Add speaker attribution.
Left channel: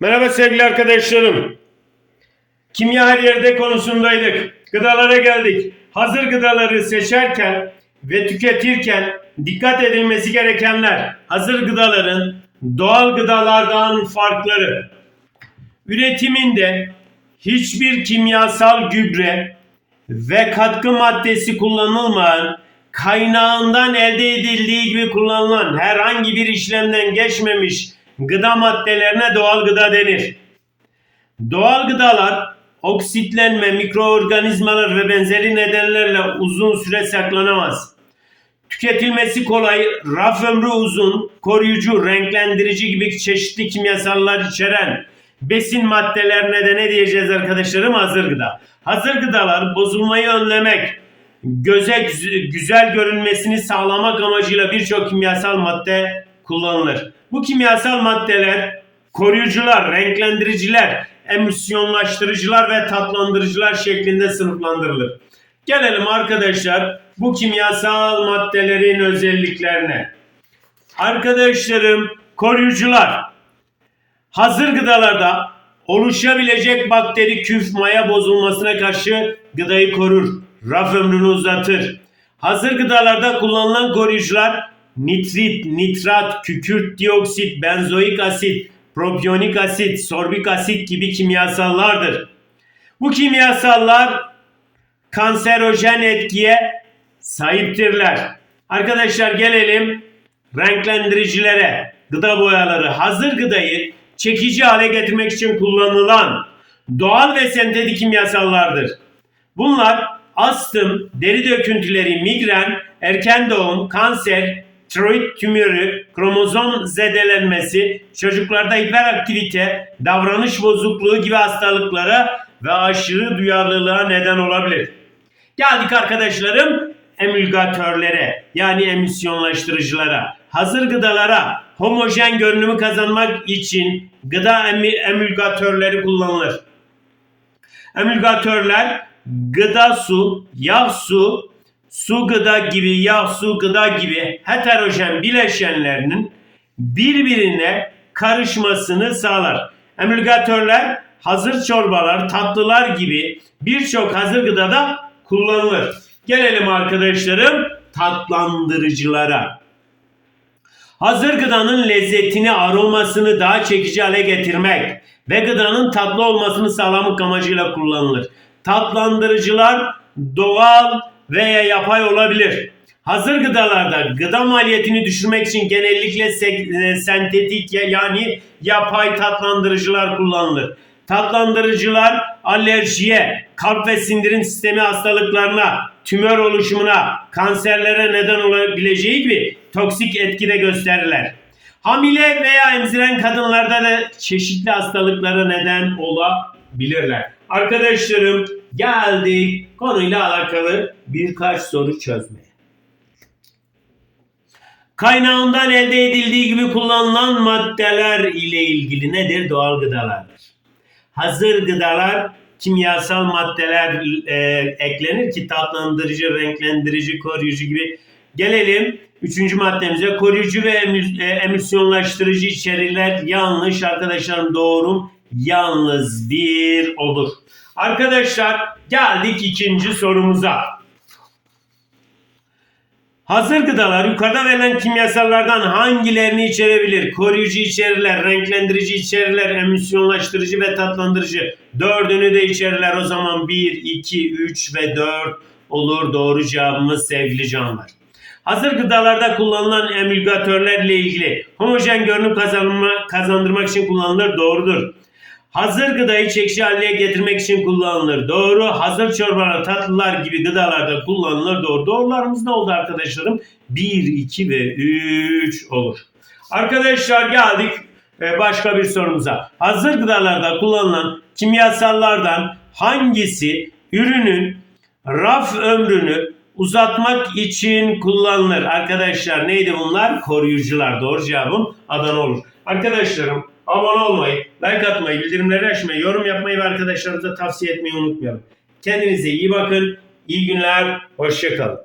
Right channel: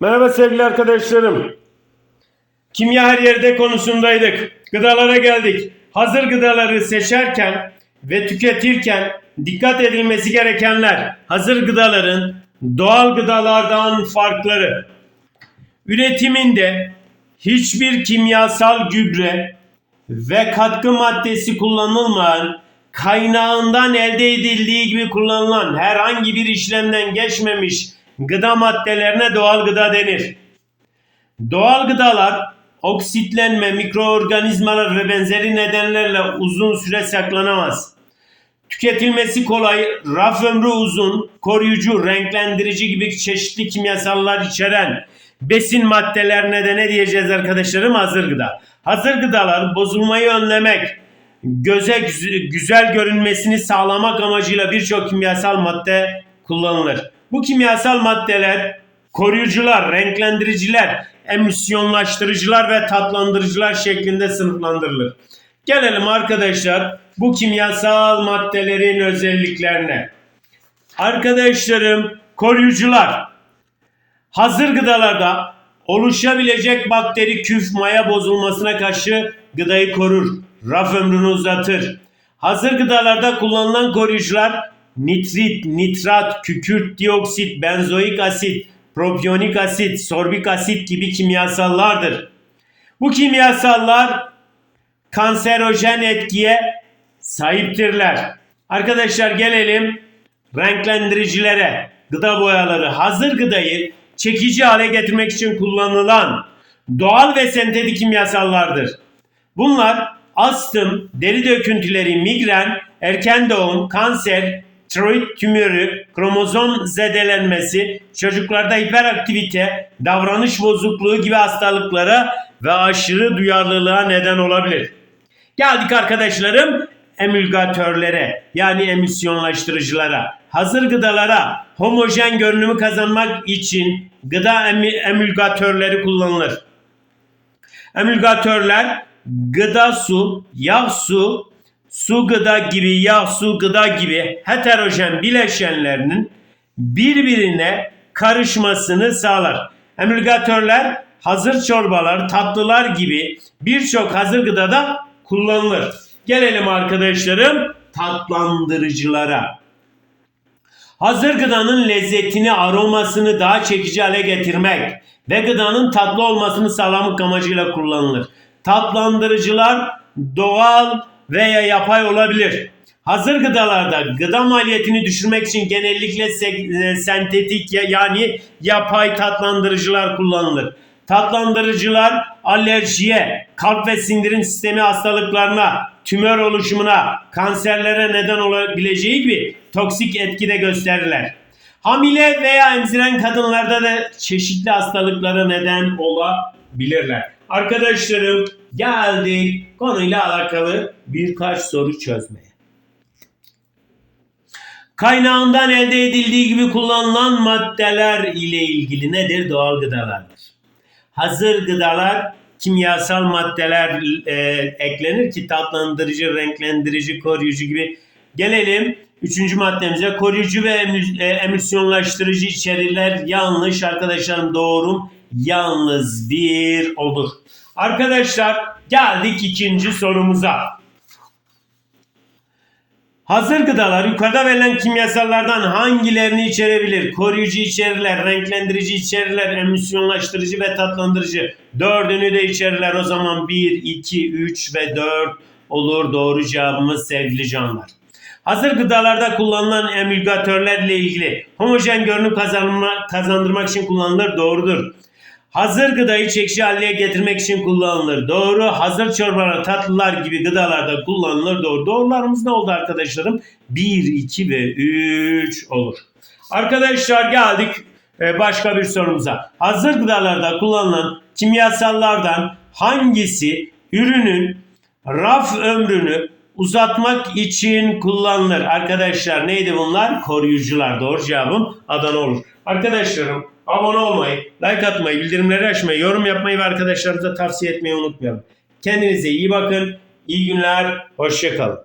Speaker 1: Merhaba sevgili arkadaşlarım. Kimya her yerde konusundaydık. Gıdalara geldik. Hazır gıdaları seçerken ve tüketirken dikkat edilmesi gerekenler. Hazır gıdaların doğal gıdalardan farkları. Üretiminde hiçbir kimyasal gübre ve katkı maddesi kullanılmayan, kaynağından elde edildiği gibi kullanılan herhangi bir işlemden geçmemiş gıda maddelerine doğal gıda denir. Doğal gıdalar oksitlenme, mikroorganizmalar ve benzeri nedenlerle uzun süre saklanamaz. Tüketilmesi kolay, raf ömrü uzun, koruyucu, renklendirici gibi çeşitli kimyasallar içeren besin maddelerine de ne diyeceğiz arkadaşlarım? Hazır gıda. Hazır gıdalar bozulmayı önlemek, göze güz- güzel görünmesini sağlamak amacıyla birçok kimyasal madde kullanılır. Bu kimyasal maddeler koruyucular, renklendiriciler, emisyonlaştırıcılar ve tatlandırıcılar şeklinde sınıflandırılır. Gelelim arkadaşlar bu kimyasal maddelerin özelliklerine. Arkadaşlarım koruyucular hazır gıdalarda oluşabilecek bakteri küf maya bozulmasına karşı gıdayı korur. Raf ömrünü uzatır. Hazır gıdalarda kullanılan koruyucular nitrit, nitrat, kükürt dioksit, benzoik asit, propiyonik asit, sorbik asit gibi kimyasallardır. Bu kimyasallar kanserojen etkiye sahiptirler. Arkadaşlar gelelim renklendiricilere, gıda boyaları, hazır gıdayı çekici hale getirmek için kullanılan doğal ve sentetik kimyasallardır. Bunlar astım, deri döküntüleri, migren, erken doğum, kanser, tiroid tümörü, kromozom zedelenmesi, çocuklarda hiperaktivite, davranış bozukluğu gibi hastalıklara ve aşırı duyarlılığa neden olabilir. Geldik arkadaşlarım emülgatörlere yani emisyonlaştırıcılara. Hazır gıdalara homojen görünümü kazanmak için gıda emi- emülgatörleri kullanılır. Emülgatörler gıda su, yağ su, su gıda gibi, yağ su gıda gibi heterojen bileşenlerinin birbirine karışmasını sağlar. Emülgatörler hazır çorbalar, tatlılar gibi birçok hazır gıdada kullanılır. Gelelim arkadaşlarım tatlandırıcılara. Hazır gıdanın lezzetini, aromasını daha çekici hale getirmek ve gıdanın tatlı olmasını sağlamak amacıyla kullanılır. Tatlandırıcılar doğal veya yapay olabilir. Hazır gıdalarda gıda maliyetini düşürmek için genellikle e, sentetik ya- yani yapay tatlandırıcılar kullanılır. Tatlandırıcılar alerjiye, kalp ve sindirim sistemi hastalıklarına, tümör oluşumuna, kanserlere neden olabileceği gibi toksik etki de gösterirler. Hamile veya emziren kadınlarda da çeşitli hastalıklara neden olabilirler. Arkadaşlarım geldik konuyla alakalı birkaç soru çözmeye. Kaynağından elde edildiği gibi kullanılan maddeler ile ilgili nedir? Doğal gıdalardır. Hazır gıdalar kimyasal maddeler e, eklenir ki tatlandırıcı, renklendirici, koruyucu gibi. Gelelim üçüncü maddemize. Koruyucu ve emü- e, emisyonlaştırıcı içeriler yanlış arkadaşlarım doğrum yalnız bir olur. Arkadaşlar geldik ikinci sorumuza. Hazır gıdalar yukarıda verilen kimyasallardan hangilerini içerebilir? Koruyucu içerirler, renklendirici içerirler, emisyonlaştırıcı ve tatlandırıcı. Dördünü de içerirler. O zaman 1, 2, 3 ve 4 olur doğru cevabımız sevgili canlar. Hazır gıdalarda kullanılan emülgatörlerle ilgili homojen görünüm kazanma, kazandırmak için kullanılır doğrudur. Hazır gıdayı çekici haline getirmek için kullanılır. Doğru. Hazır çorbalar, tatlılar gibi gıdalarda kullanılır. Doğru. Doğrularımız ne oldu arkadaşlarım? 1, 2 ve 3 olur. Arkadaşlar geldik e, başka bir sorumuza. Hazır gıdalarda kullanılan kimyasallardan hangisi ürünün raf ömrünü uzatmak için kullanılır? Arkadaşlar neydi bunlar? Koruyucular. Doğru cevabım Adana olur. Arkadaşlarım abone olmayı, like atmayı, bildirimleri açmayı, yorum yapmayı ve arkadaşlarınıza tavsiye etmeyi unutmayalım. Kendinize iyi bakın. İyi günler. Hoşçakalın.